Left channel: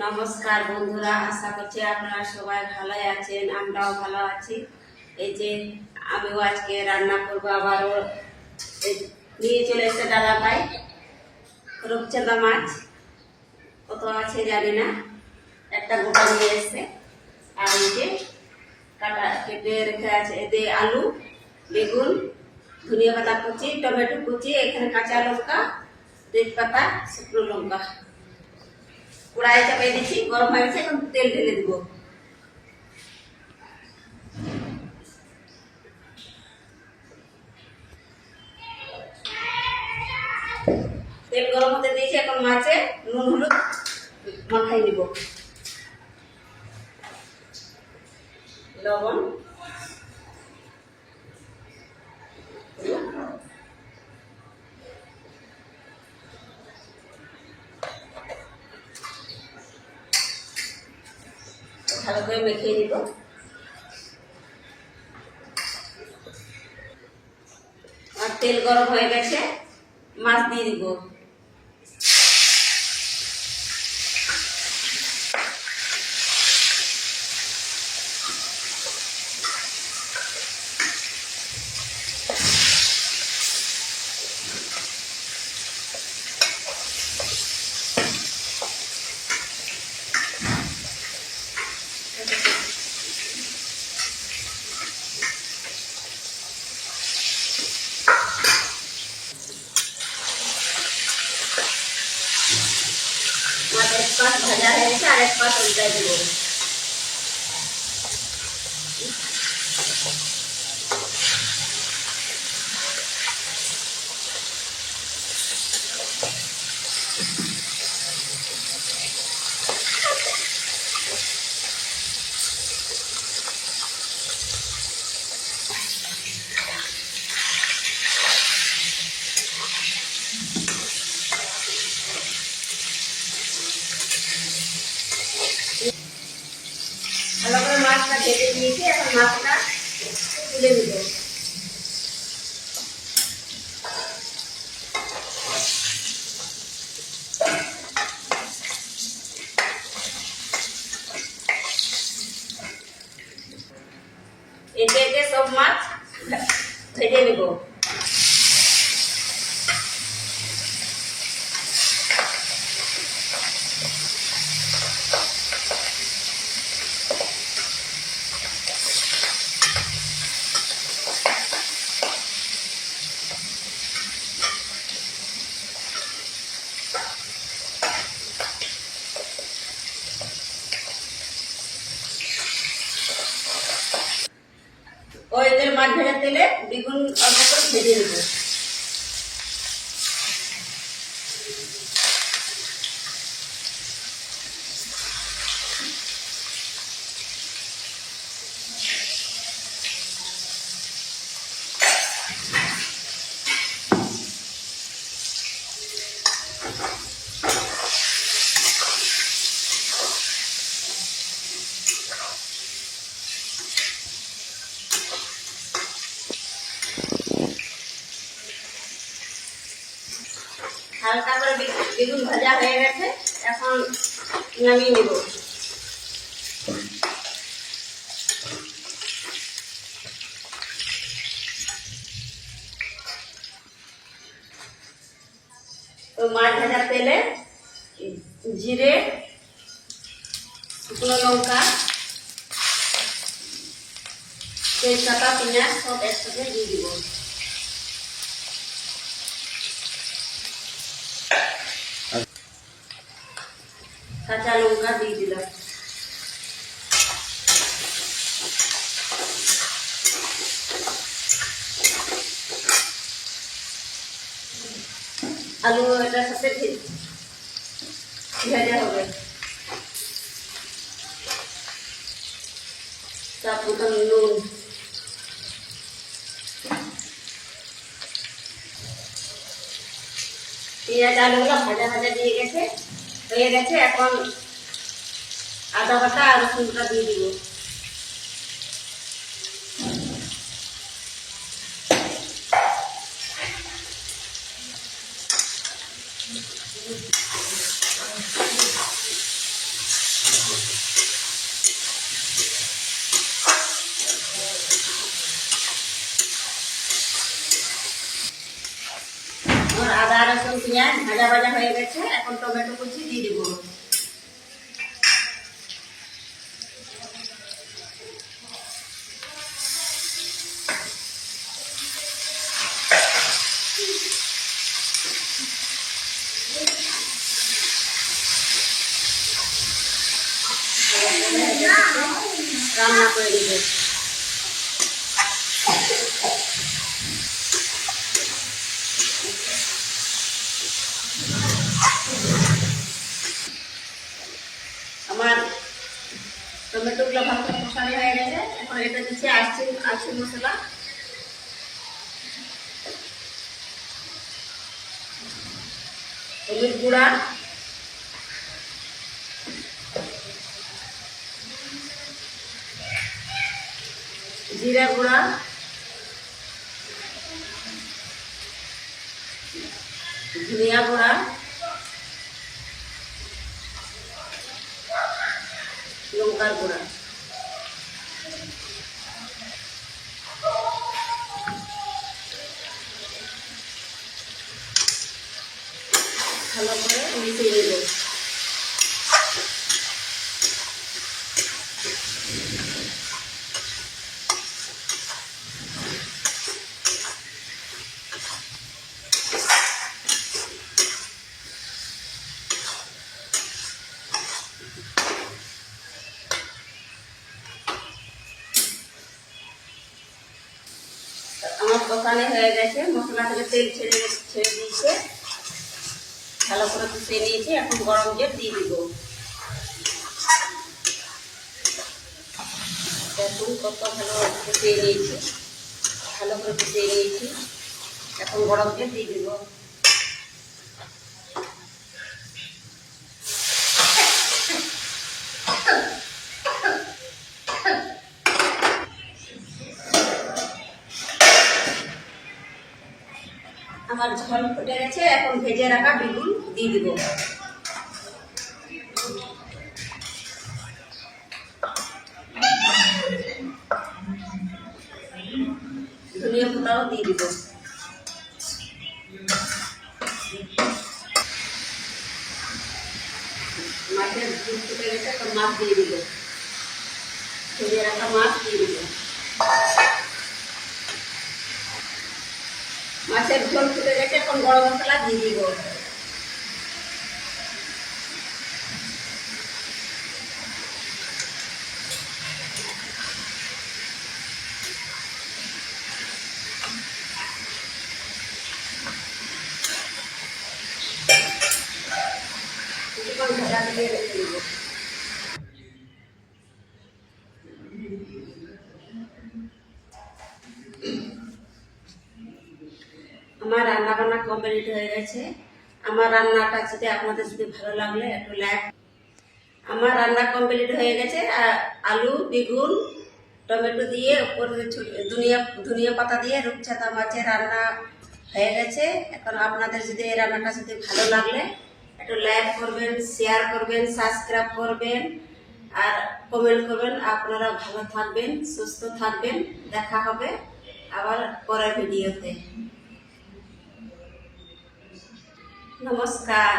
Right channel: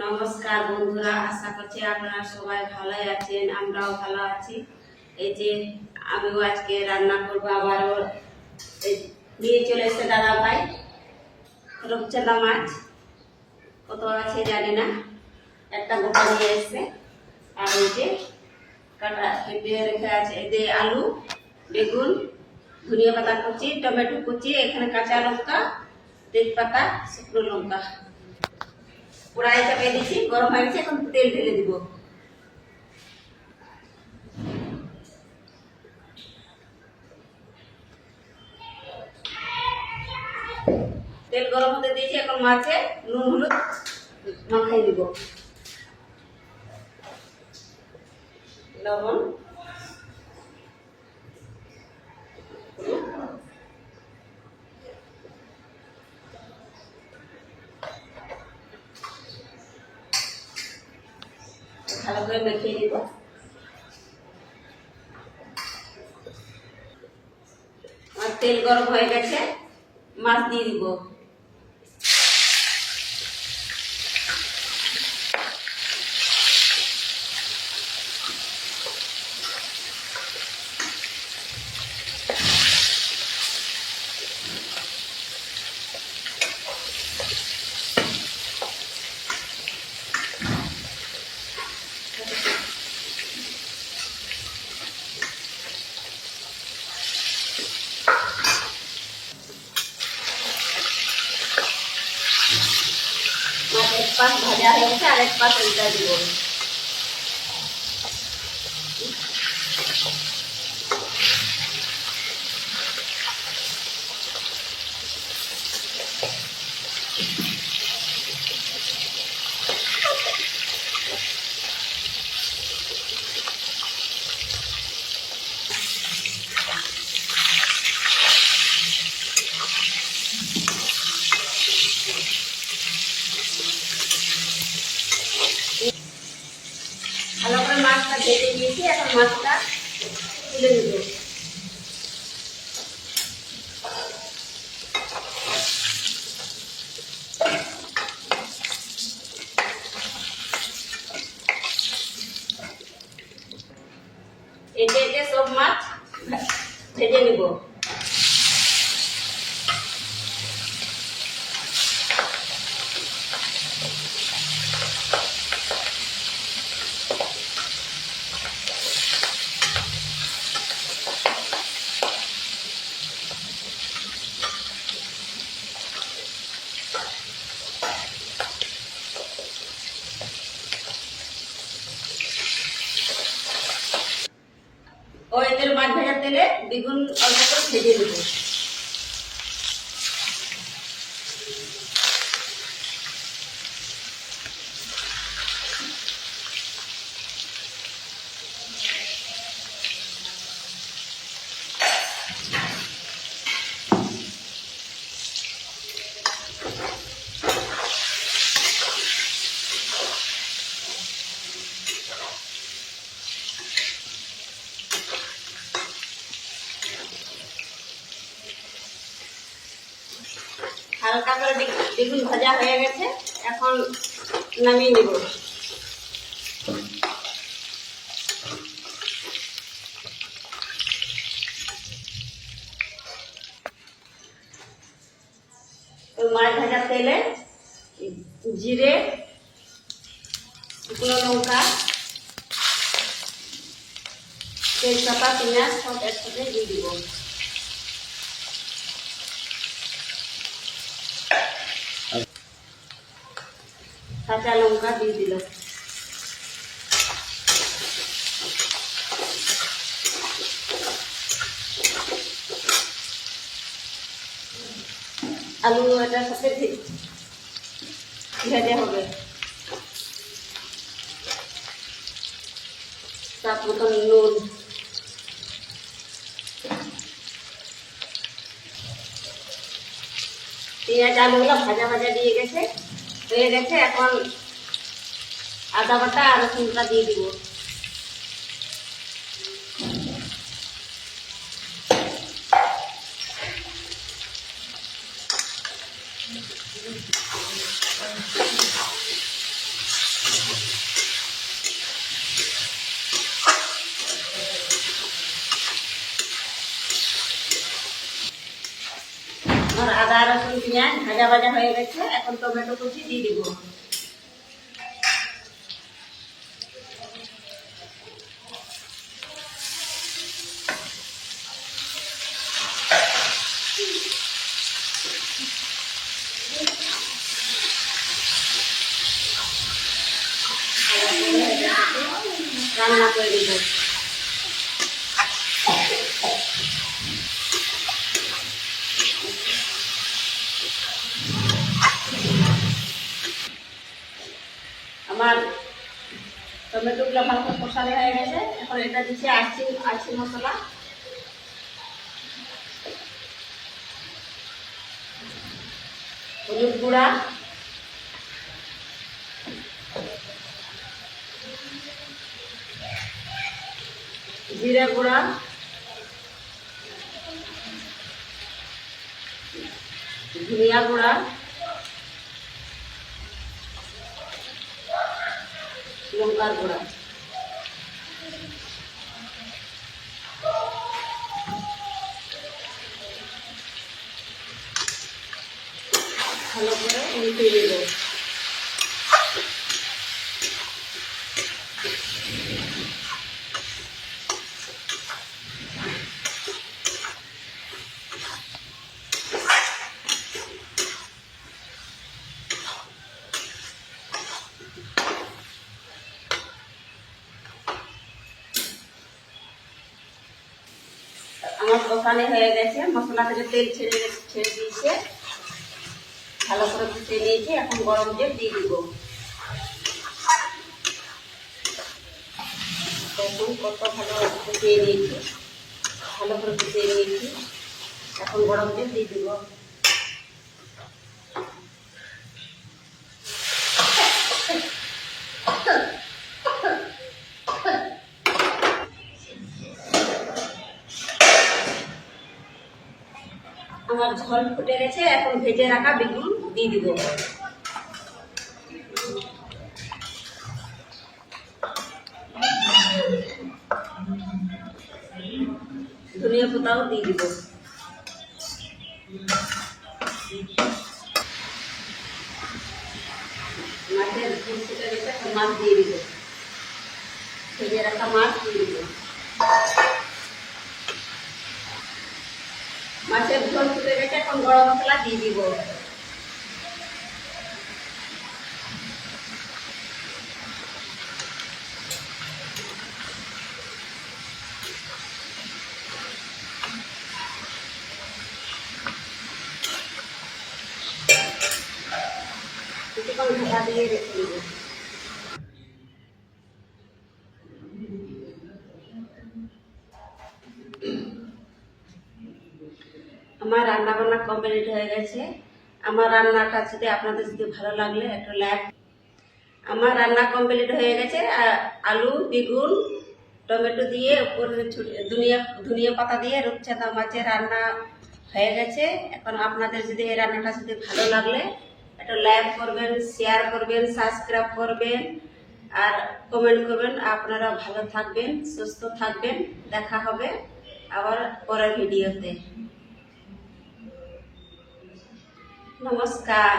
নমস্কার বন্ধুরা, আশা করছি আপনারা সবাই ভালো আছেন। আমরাও ভালো আছি। এই যে আমিও আজকে রান্না করবো। আবারও নিয়ে চলে এসেছে দাদা ভাই রূপচাঁদা মাছ। কত আছে জানি না, একটা গোটা নিয়ে এসছে। আর এই যে কাটা কেটে রেখে আছে এদের আলু, বেগুন, ধনিয়া পাতা কুচি, টমেটো কুচি, এখানে কাঁচা লঙ্কা, তেজপাতা, শুকনো লঙ্কা। কড়াই চাপিয়ে দিচ্ছি, গরম হয়ে গেছে। এখন তেল ঢেলে দিব। তেল গরম হতে দিয়েছি, এখন মাছে নুন হলুদ মাখাই দিব, লবণ, ভালো করে মেখে দিব। আর তেল গরম হয়ে গেছে, মাছ দিয়ে দিব। মাছ এক পাশ ভাজা হয়ে গেছে, আর এক পাশ উল্টাই দিব। ভালো করে মাছটা ভেজে নিয়েছি, এখন মাছটা তুলে নেব। এতে এতে সব মাছ ভেজে নেব। ওই তেল মাছ ভাজার তেলে বেগুন অল্প করে ভেজে নেব। হালকা করে বেগুন ভাজা হয়ে গেছে, এখন নামিয়ে নেব। তো মাছ ভাজার তেলে জিরে, শুকনো লঙ্কা, তেজপাতা, পেঁয়াজ সব একসাথে দিয়ে দিব। কাঁচা লঙ্কা দিয়ে দিলাম। আলু এটার সাথে ভেজে হবে। তারপর নুন, পেঁয়াজ আলুগুলো ভাজা ভাজা দিয়ে গেছে, হয়ে গেছে। এখন আদা বাটা আর রসুনটা দিয়ে দিব। পেঁয়াজ ভাজা ভাজা হয়ে গেছে, এখন টমেটো কুচি দিয়ে দিব। রান্না করে দিব। আমার টমেটোগুলো ভালো করে কষানো হয়ে গেছে, এখন এটা দিচ্ছি আরচি মশলা। হলুদ গুঁড়া, জিরা গুঁড়া, ধনিয়া গুঁড়া, লঙ্কার গুঁড়া। ভালো করে মিশিয়ে দেব। আমার দোকানে হয়ে গেছে, মশলা থেকে তেল ছেড়ে দিয়েছে, ভালো করে কষিয়ে নিয়েছি। এখন গরম জল দিয়ে দিব। দেখুন কত ভালো কষিয়ে নিয়েছি, ভালো করে কষিয়ে নিয়েছি। এখন গরম জল দিয়ে দিব। আমার ঝোল ফুটে গেছে, এখন ভেজে রাখা বেগুন দিয়ে দিব। ধনিয়া পাতাও দিয়ে দিব। মাছের ঝোল ফুটে গেছে, এখন মাছ দিয়ে দিব। ভেজে রাখা মাছ দিয়ে দিব। মাছের ঝোল ফুটে গেছে, এখন গরম মশলা দিয়ে দিব। কিছুক্ষণ ঢাকা দিয়ে রেখে দিব। আমার রান্না বান্না কমপ্লিট হয়ে গেছে। আমার রান্নাটা আপনাদের যদি ভালো লাগলে একটু লাইক। আমার রান্না কমপ্লিট হয়ে গেছে। আলু, বেগুন, টমেটো দিয়ে উপরে ধনিয়া পাতা দিয়ে রূপচাঁদা মাছের রান্না হয়ে গেছে। এখন আপনাদের যদি এই রান্নাটা যদি ভালো লাগলে একটু লাইক করবেন, শেয়ার করবেন, সাবস্ক্রাইব করবেন আর কমেন্ট করবেন। আপনারা ভালো থাকবেন, সুস্থ থাকবেন। দেখা হবে আবার পরের ভিডিওতে। নমস্কার।